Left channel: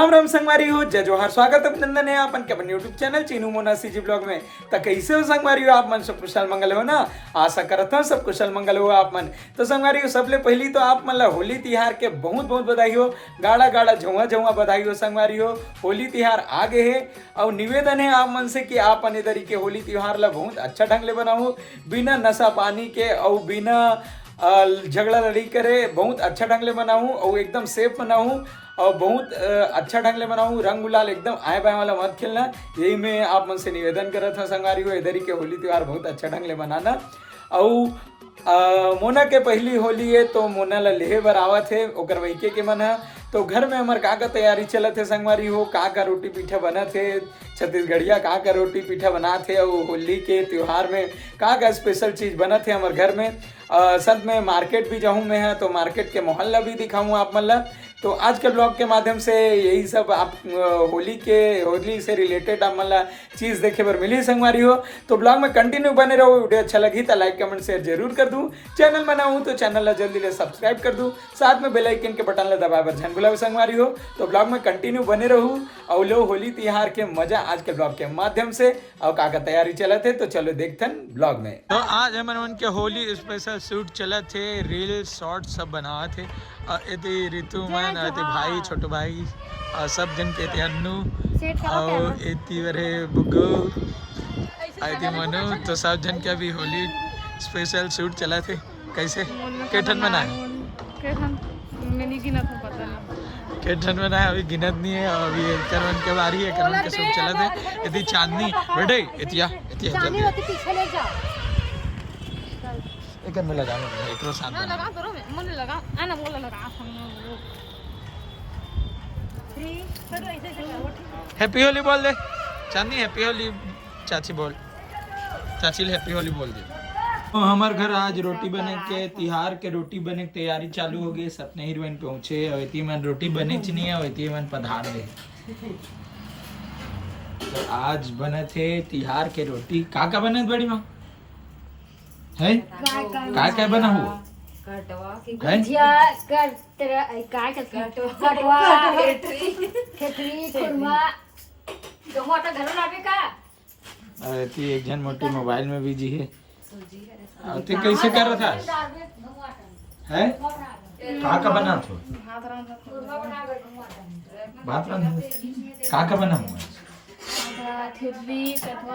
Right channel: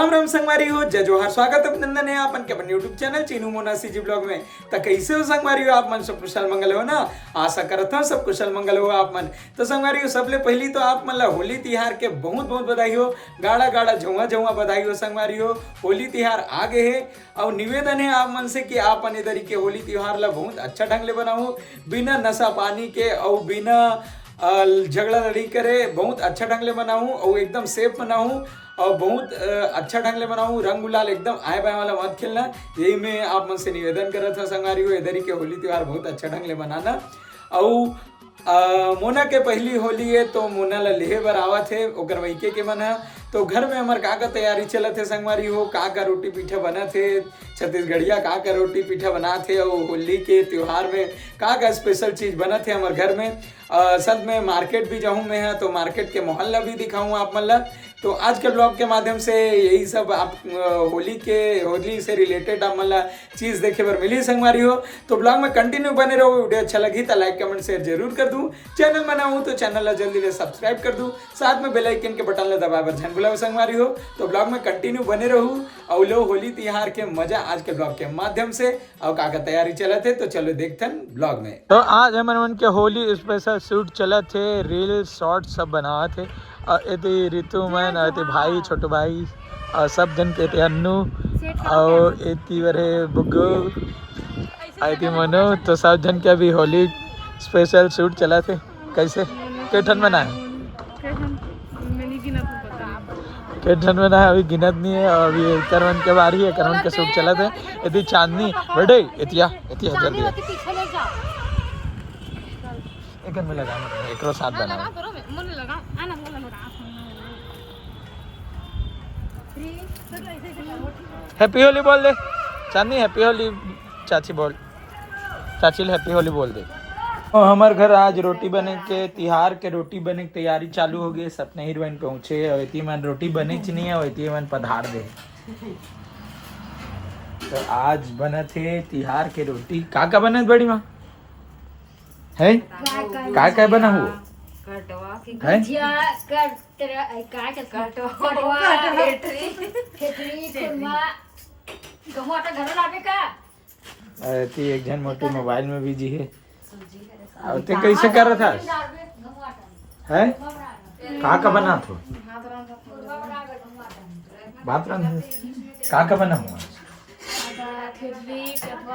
राम राम संगवारी हो, जय जोहार, स्वागत अभिनंदन है आपन के अपन YouTube channel Chinu Mona CG blog में। तो कैसे हो संगवारी हो आप मन, सब कुशल मंगल हो ना। आशा करता हूँ सब कुशल मंगल हो आप मन। तो संगवारी हो सबले पहली तो आप मन ला होली तिहार के बहुत बहुत बधाई हो, गाड़ा गाड़ा झुआ झुआ बधाई हो संगवारी हो। होली तिहार आ गए है और निवेदन है आप मन से कि आप मन इधर के होली तिहार ला बहुत अच्छा ढंग ले बनाओ, बिना नशा पानी के और बिना झगड़ा लड़ी करे बहुत अच्छा ढंग ले बनाऊँ और एकदम सेफ बनाऊँ और बहुत अच्छा ढंग ले बनाऊँ। रंग गुलाल एकदम आए बाएं वाला मत खेलना, यही मैं आप मन से निवेदन करत था संगवारी हो। इधर के होली त्यौहार बहुत अच्छा ढंग ले बनाना। और मोना के पहली होली है तो मोना ला लेहे बर आवत है ओकर वैके के मन है। तो घर में हमार का तैयारी चलत है संगवारी हो, का रोटी पीठा बनत है, छत्तीसगढ़िया का रोटी पीठा बनात है और होली के त्यौहार में का स्पेशल चीज़ बनत है हमारे घर में। साथ में मार्केट भी जाऊँ मैं है तो मार्केट के मोहल्ला भी दिखाऊँ आप मन ला। तो आज के ब्लॉग के माध्यम से यही सब आप होली से रिलेटेड आप मला चीज़ देखे पर मिली संगवारी हो। तो ब्लॉग में कंटिन्यू बने रहो, वीडियो अच्छा लगी तो लाइक कमेंट शेयर जरूर कर दूँ। चैनल बना हूँ तो चैनल ला जल्दी से सब्सक्राइब कर दूँ, साथ में बेल आइकन के बटन ला दबा बर झन बुलाओ संगवारी हो। तो ब्लॉग में कंटिन्यू बने रहूँ और लो होली तिहार के मजा आज के ब्लॉग के माध्यम से और का तैयारी चलत है। तो चलो देखते हैं ब्लॉग में। तो आज हमन के होली स्पेशल शूट चलत थे, रील शॉर्ट सब बनावा थे। एती ऋतु मन एती भाई छोटो भाई और सब जन के एती अन्नू और एती बरे बुग्गू एती मनो। तो सब जन के अभी होली स्पेशल शूट चला थे। कैसे केठन बनाए केठन बनाए अभी गिनत नहीं है। और अभी करवन के बारी है, करवन के शूट चला थे। यदि चांदनी बेटे एतिया एतिया जल्दी एक में लगा एकरो साथ बनाओ। हैप्पी होली बोल दे चांदनी, हैप्पी होली चाची बोल, चाची हैप्पी होली बोल दे। तो हमारे घर आज रोटी बने के तिहार के रोटी बने की तैयारी चालू हो गई। सपने हीरोइन पहुंचे और इतनी मन रोटी बने नहीं है और इतनी मन पधार दे। तो आज बना थे तिहार के रोटी। का बना बड़ी माँ है का बना हुआ एक जन मोटी मोबाइल में बिजी है। ते कैसे कर रहा था है का बना था बात का बना हुआ।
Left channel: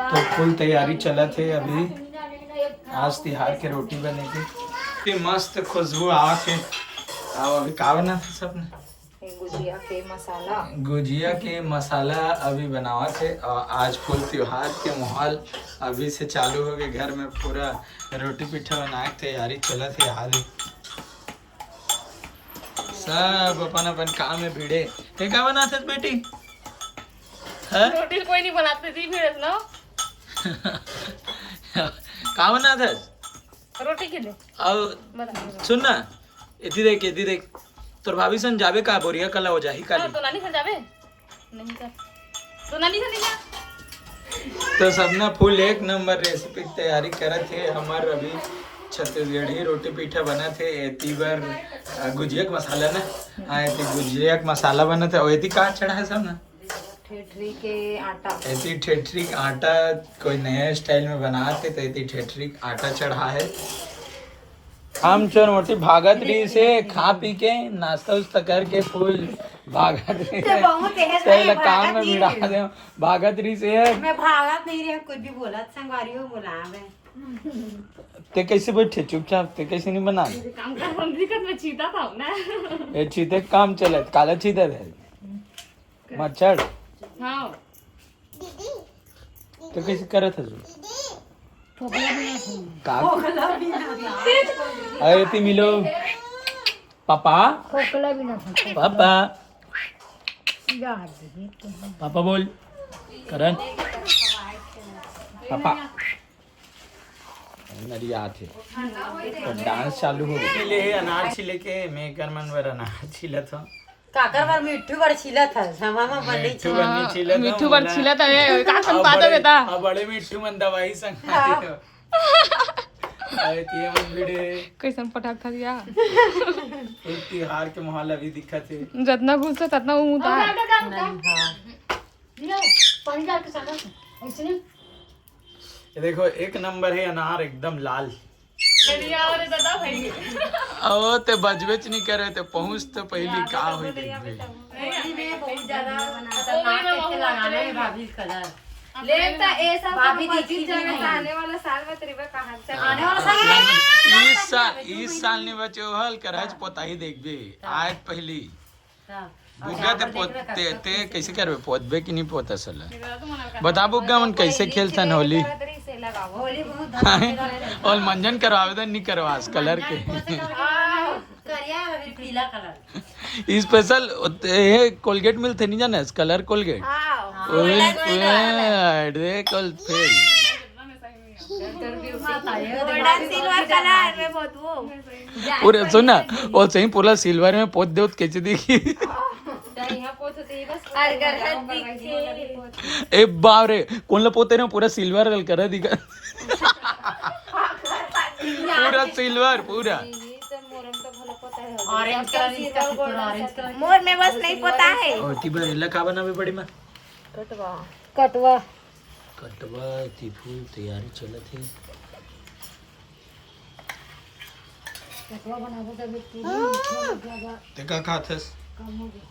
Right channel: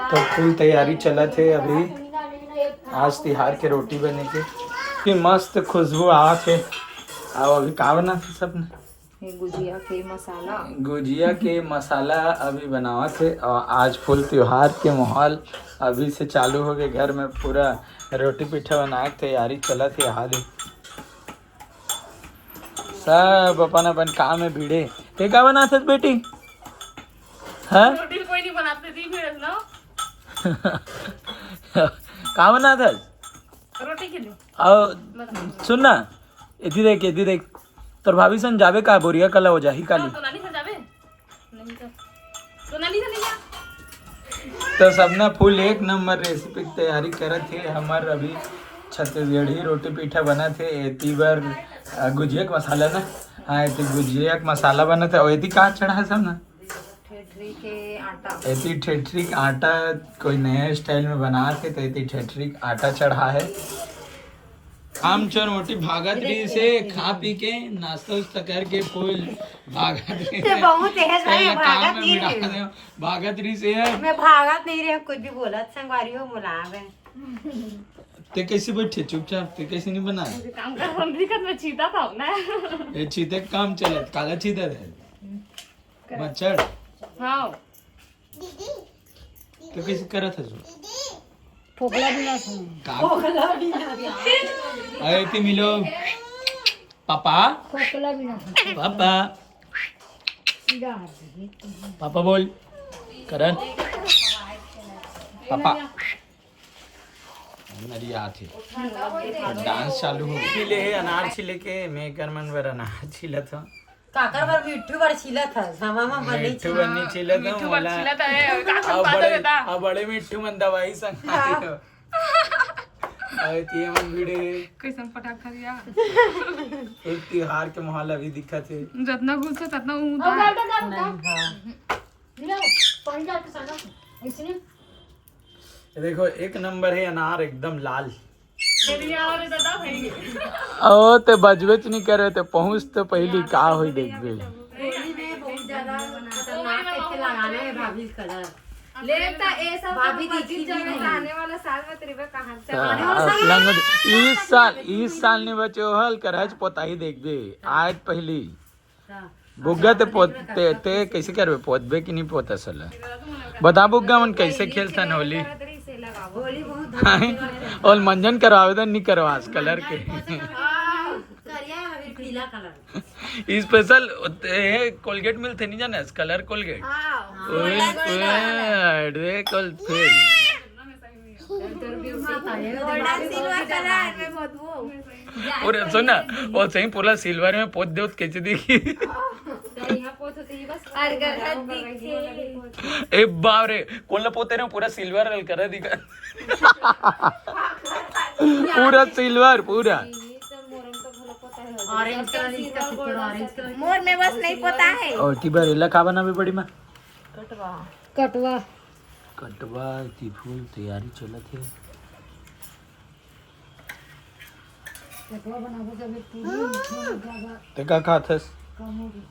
तो फुल तैयारी चला थे अभी आज तिहार के रोटी बने के मस्त खुशबू आ थे। अब अभी का बना था सबने गुजिया के मसाला अभी बनावा थे। और आज फुल त्योहार के माहौल अभी से चालू हो गए, घर में पूरा रोटी पीठा बनाए तैयारी चला थी। हाल ही सब अपन अपन काम में भिड़े। ते का बना थे बेटी हाँ रोटी कोई नहीं बनाते थी फिर लो का बना था रोटी के लिए। और सुन ना इधर देख तोर भाभी सन जावे का बोरिया कला हो जाही काली तो नानी सन जावे नहीं कर तो नानी सन नहीं जा। तो सबना फुल एक नंबर रेसिपी की तैयारी करत थे। हमार अभी छत्तीसगढ़ी रोटी पीठा बना थे। एती बार गुजिया का मसाला ना हाँ एती गुजिया का मसाला बना था। और एती का चढ़ा है सब ना ठेठरी के आटा, एती ठेठरी का आटा कोई नया स्टाइल में बनाते तो एती ठेठरी का आटा चढ़ा है। हम चोर मोटी भागत रही से खा पी के नाश्ता उस्ता करके फुल भागत रही से काम में भिड़ा दे भागत रही से मैं भागत नहीं रही कुछ भी बोला संगवारी हो बुलावे। ते कैसे बैठे चुपचाप ते कैसे नहीं बना काम कर हम दिक्कत में चीता था ना ये चीते काम चले काला चीता थे मच्छर हाँ तो कैसे करे थे फोकला भी ना अरे ती मिलो पापा फोकला भी ना पापा पापा बोल करण पापा मेरी याद है। तो डांस चालू हो गई ले अनार छिले के मैं कर मन बर अनार छिला था काकर बार मिट्टू बड़ छिला था समा में बनी मिट्टू बन्नी छिला था मिट्टू बन छिला था ये का संग पातो बेटा अब बड़े मिट्टू मन दवाई संग अरे तीन वीडियो कैसन पटाखा दिया एक तिहार के माहौल अभी दिखत है। जितना घुस है उतना ऊँ था। ये देखो एक नंबर है अनार एकदम लाल। ओ ते बजबेच नहीं करे ते पहुंच तो पहली का हुई देखबे। होली में बहुत ज्यादा खतरनाक कैसे लगाना है भाभी कलर। भाभी देखी आने वाला साल में तेरे कहाँ से इस साल ने बचे हल करहज पोताही देखबे आज पहली बुग्गा ते पोते ते कैसे करबे पोतबे कि नहीं पोता सला बता बुग्गा मन कैसे खेलसन होली। होली बहुत और मंजन करो आवेदन नहीं करवास कलर के करिया पीला कलर स्पेशल कोलगेट मिलते नहीं जाने कलर कोलगेट कल फेल पूरे सुना वो सही पूरा सिल्वर में पोत दे कैसे देखी। ए बाप रे कोण पोते रे पूरा सिल्वर करा दिखा पूरा सिल्वर पूरा ऑरेंज कलर इसका ऑरेंज कलर मोर में बस नहीं पता है। और की बरेला का बना भी बड़ी मां कटवा कटवा की फूल तैयारी चलत है। कटवा बनाबो तब पूरी ते का खाथस कम हो गया।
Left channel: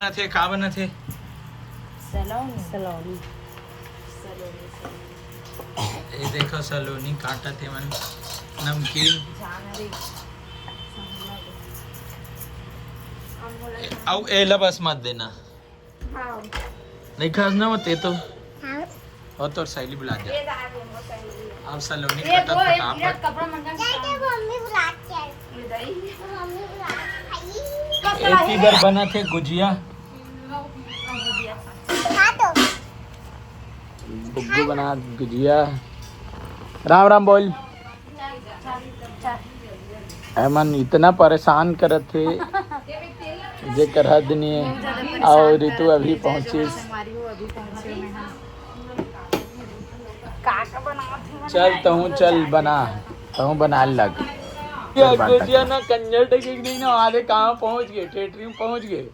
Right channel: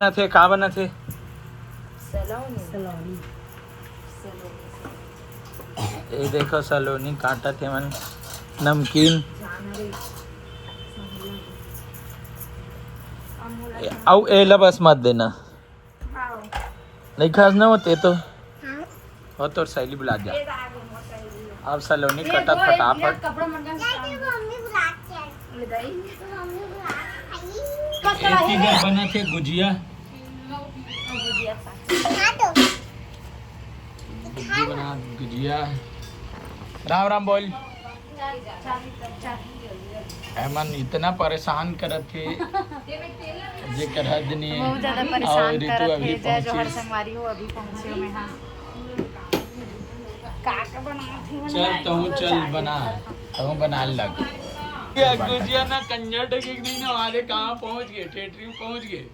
थे का बना थे सलोनी ये देखो सलोनी काटा थे मन नमकीन आओ एला बस मत देना नहीं खास ना होते तो हो तो सैली बुला जा। अब सलोनी कटा फटाफट एक ही बार बना थे गुजिया बुग्गू बना गुजिया राम राम बोल अमन इतना परेशान करत थे जे करहा दनी और ऋतु अभी पहुंची चल चल बना बना लग गुजिया ना कंजर टके नहीं ना आधे कहाँ पहुंच गए थिएटर में पहुंच गए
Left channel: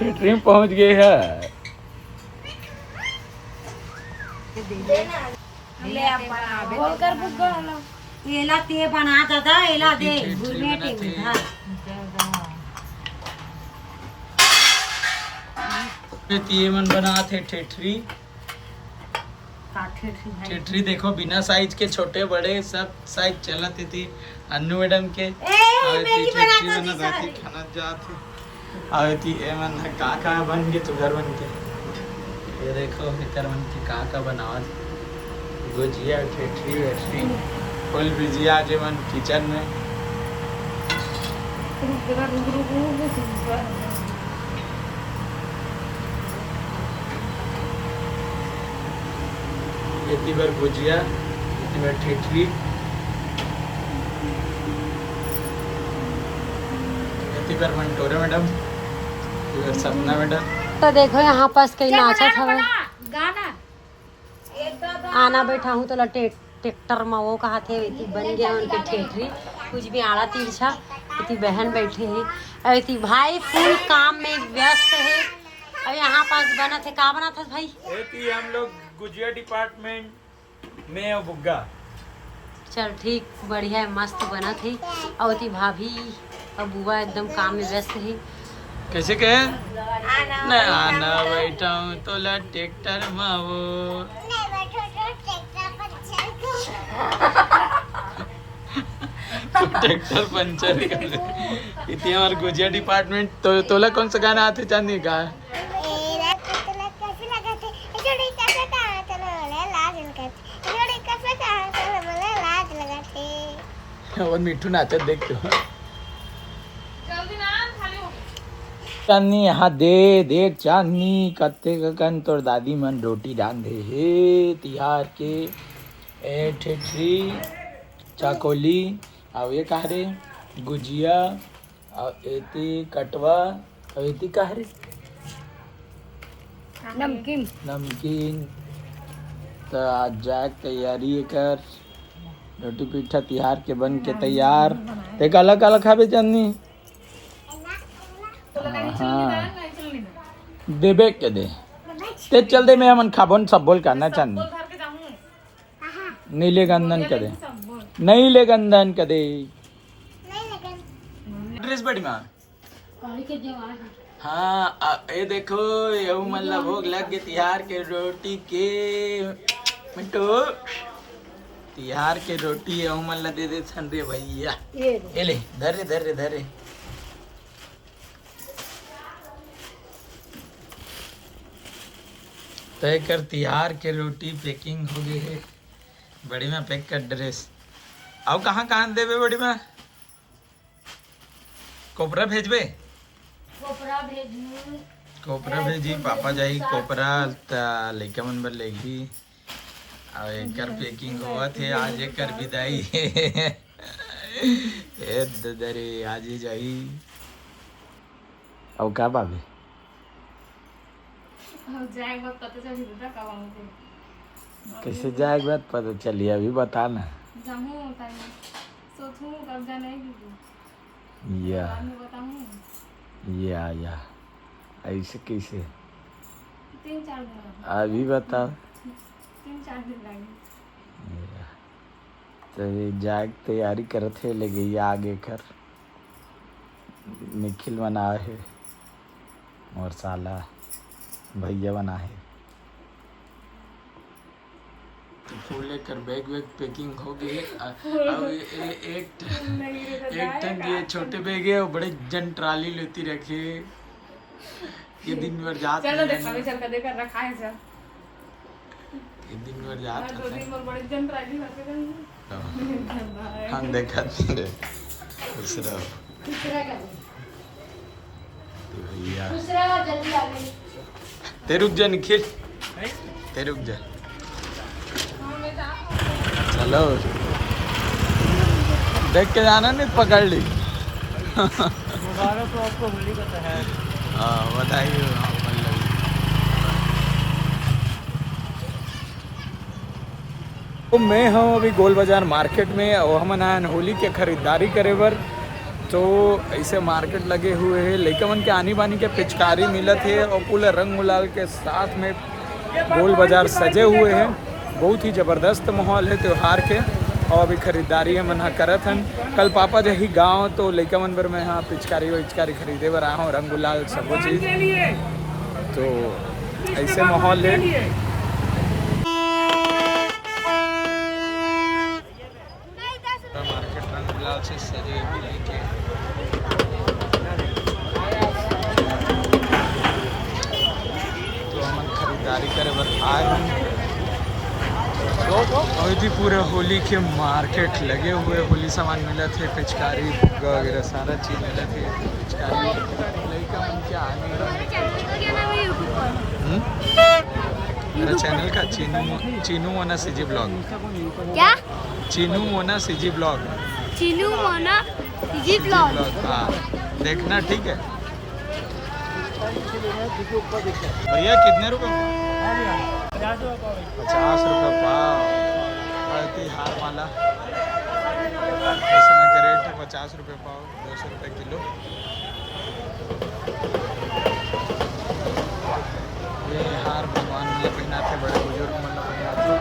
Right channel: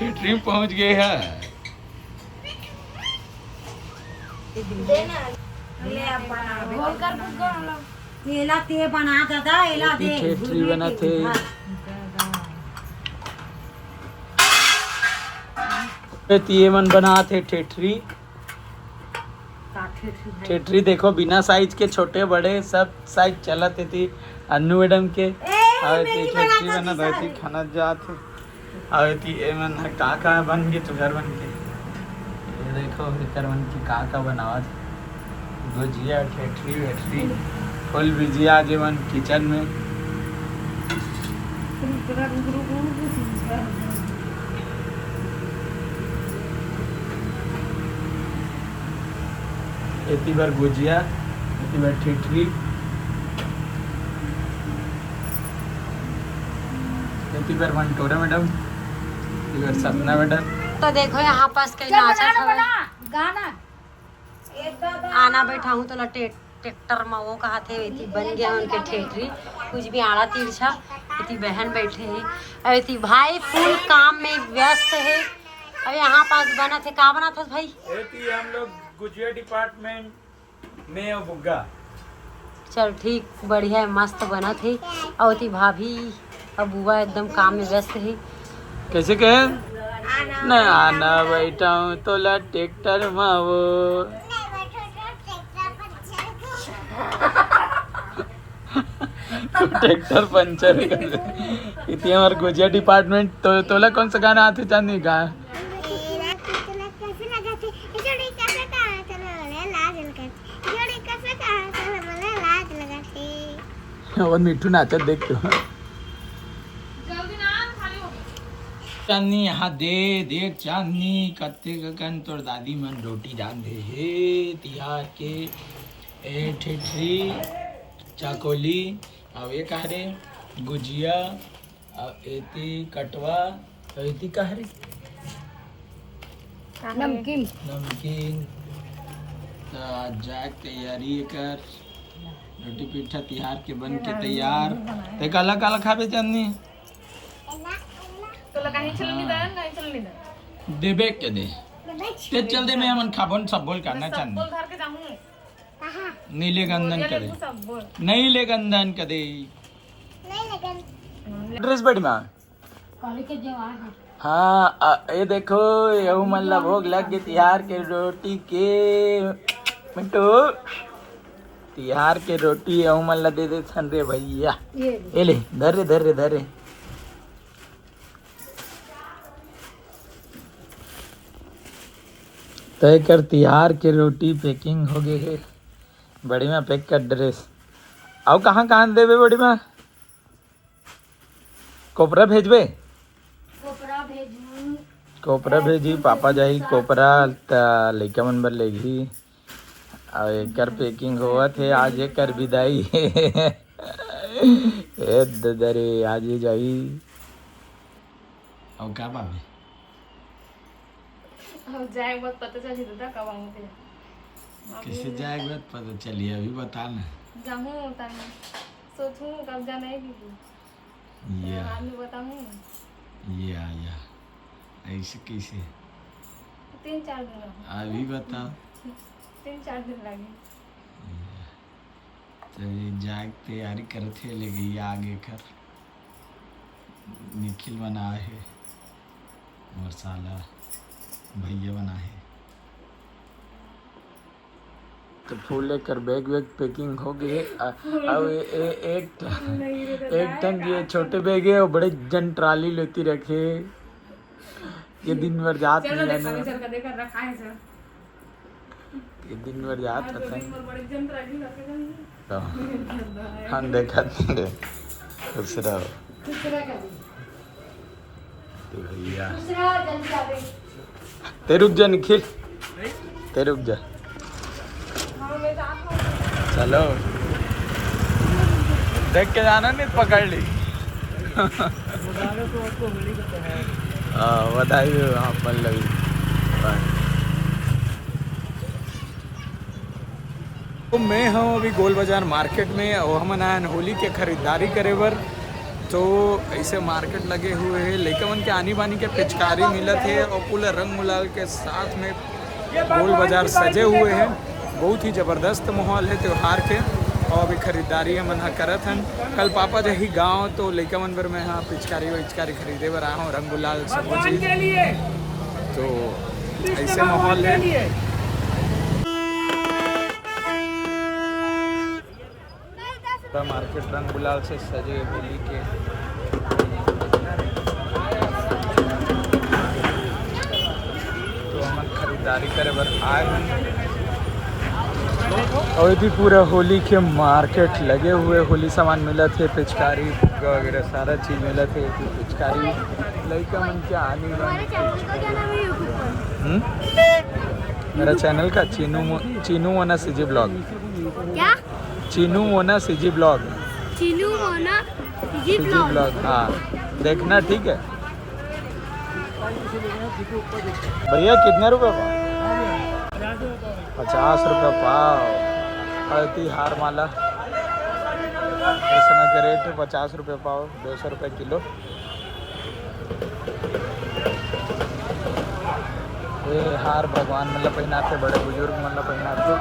थिएटर में पहुंच गए है। एला ते बनाता था एला दे थिएटर बना थे ये मन बना थे ठेठरी ठेठरी देखो बिना साइज के छोटे बड़े सब साइज चलते थी अन्नू मैडम के खाना जाते आवती एमन काका बन के चुगर बन के ये देखो इतर बन की काका बनावत गुजिया ठेठरी वेठरी फुल बिजिया जे मन किचन में इतनी बार गुजिया इतनी बार ठेठरी इतनी बार मंटोरा मैडम इतनी बार सपना मैडम। तो देखो यहाँ पास कई नाचत हवे गाना आना बैठा हूँ तो लटे ट्रैक्टर में वो कहा थे इतनी बन गया उनके ठेठरी कुछ भी आड़ा तिरछा इतनी बहन बैठे है इतनी भाई फुल काम में व्यस्त है। अब यहाँ पास बना थे का बना था भाई हम लोग गुजिया डिपार्टमेंट में और बुग्गा चल ठीक बढ़िया है मस्त बना थी और ती भाभी अब बुआ एकदम काम में व्यस्त है। कैसे कहे न आना बैठा हूँ तो ला ट्रैक्टर में वो तू ट्रैक्टर पंचर कर दे इतनी हमारे गुजिया डिपार्टमेंट तो तोला कौन सा गाना आते चांदनी का और मिठू नाचत देख तो जल्दी ना खाली हो चांदनी यहाँ दे देख चांदनी कत्ते कन तोर दादी मन रोटी रांधे हे तिहार के ए ठेठरी चाकोली और ये कह रे गुजिया और एती कटवा और एती कह रे नमकीन नमकीन तो आज जाए तैयारी कर रोटी पीठा तिहार के बन के तैयार ते काला काला खाबे चांदनी देबे के दे ते चल दे मैं हमन खाबोन सब बोल करना चांदनी घर के जाऊं नीले गंधन के दे नीले गंधन के दे ड्रेस बड़ी माँ हाँ ये देखो ये मतलब भोग लग गए तिहार के रोटी के मिंटू तिहार के रोटी ये मतलब दे दे सन रे भैया ये ले धरे धरे धरे तय कर तिहार के रोटी पैकिंग हो गई है बड़ी माँ पैक कर ड्रेस आओ कहाँ कहाँ देवे बड़ी माँ कोपरा भेजबे कोपरा भेजी पापा जाही कोपरा लइका मन बर लेगी और एकर पैकिंग हुआ थे आज एकर विदाई ए दरे आज ही जाई और का भाभी जाए बहुत पता चल जिदा कब आऊंगे कैसे जाएगा बात पता चलिए अभी बता ना जाऊं ताने सोचूं कब जाना है या बाद में बताऊं या ऐसे कैसे 3-4 दिन अभी बताओ 3-4 दिन लगे तो ये जाग तैयारी करत है ले गई आगे कर निखिल बना है और साला भैया बना है तो फूल लेकर बैग वैग पैकिंग हो गई है अब एक टन ये छोटे बैग है और बड़े जन ट्राली लेती रखे ये दिन भर जात चलो नहीं देखो है चल कर देकर रखा है सर ये दिन भर जात दो दिन पर बड़े जन राजी करके जाएंगे तो हम देखा थे खुश रहो तो भैया ते रुक जा निखिल ते रुक जा चलो देख के जाना नहीं पकड़ ली हाँ बताइए आप पल्लवी तो मैं हूँ अभी गोल बाजार मार्केट में और हम आए होली के खरीदारी करे बर तो ऐसे मार्केट लगे हुए हैं लइका मन के आनी बानी के पिचकारी मिलत है और पूरे रंग गुलाल के साथ में गोल बाजार सजे हुए हैं बहुत ही ज़बरदस्त माहौल है त्यौहार के और अभी खरीदारी मन करत हन कल पापा जही गाँव तो लइका मन बर मैं यहाँ पिचकारी विचकारी खरीदे बर आया हूँ रंग गुलाल सब चीज़ तो ऐसे माहौल है मार्केट रंग गुलाल से सजे होली के तो हम खरीदारी करे बर आए हैं और भी पूरा होली के मार्केट लगे हुए होली सामान मिला थे पिचकारी फुग्गा वगैरह सारा चीज़ मिला थे पिचकारी लड़का मन के आने मेरा चैनल का चीनू मोना सीजी ब्लॉग क्या Chinu Mona CG blog Chinu Mona CG blog हाँ देखना ठीक है भैया कितने रुपए पाव 50 रुपये पाव अति हार माला इस समय के रेट है 50 रुपये पाव 200 रुपये किलो ये हार भगवान मतलब पहनाते बड़े बुजुर्ग मतलब पहनाते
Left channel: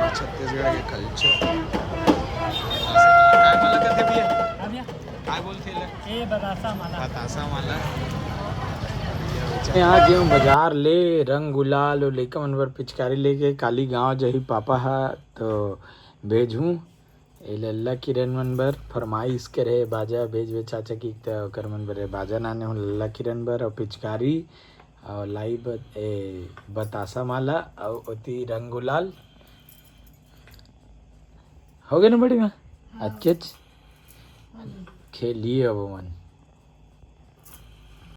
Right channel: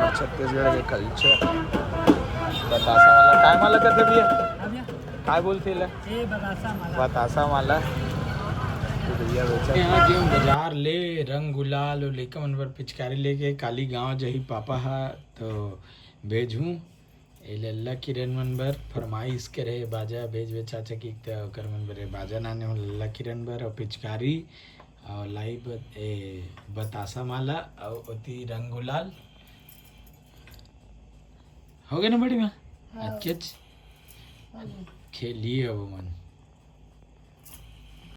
और छत्तीसगढ़ के कल्चर बतासा माला काय माला कहते भैया काय बोलते बतासा माला भैया बेचा यहाँ गए बाजार ले रंग गुलाल और लेकर मन पर पिचकारी लेके काली गांव जही पापा है तो भेजूँ ए लल्ला किरण मन बर फरमाइश के रहे बाजा भेज वे चाचा की त ओकर मन बर बाजा नाने हो लल्ला किरण बर और पिचकारी और लाई बतासा माला और ओती रंग गुलाल हो गए ना बड़ी माँ अच्छे खेलिए अब मन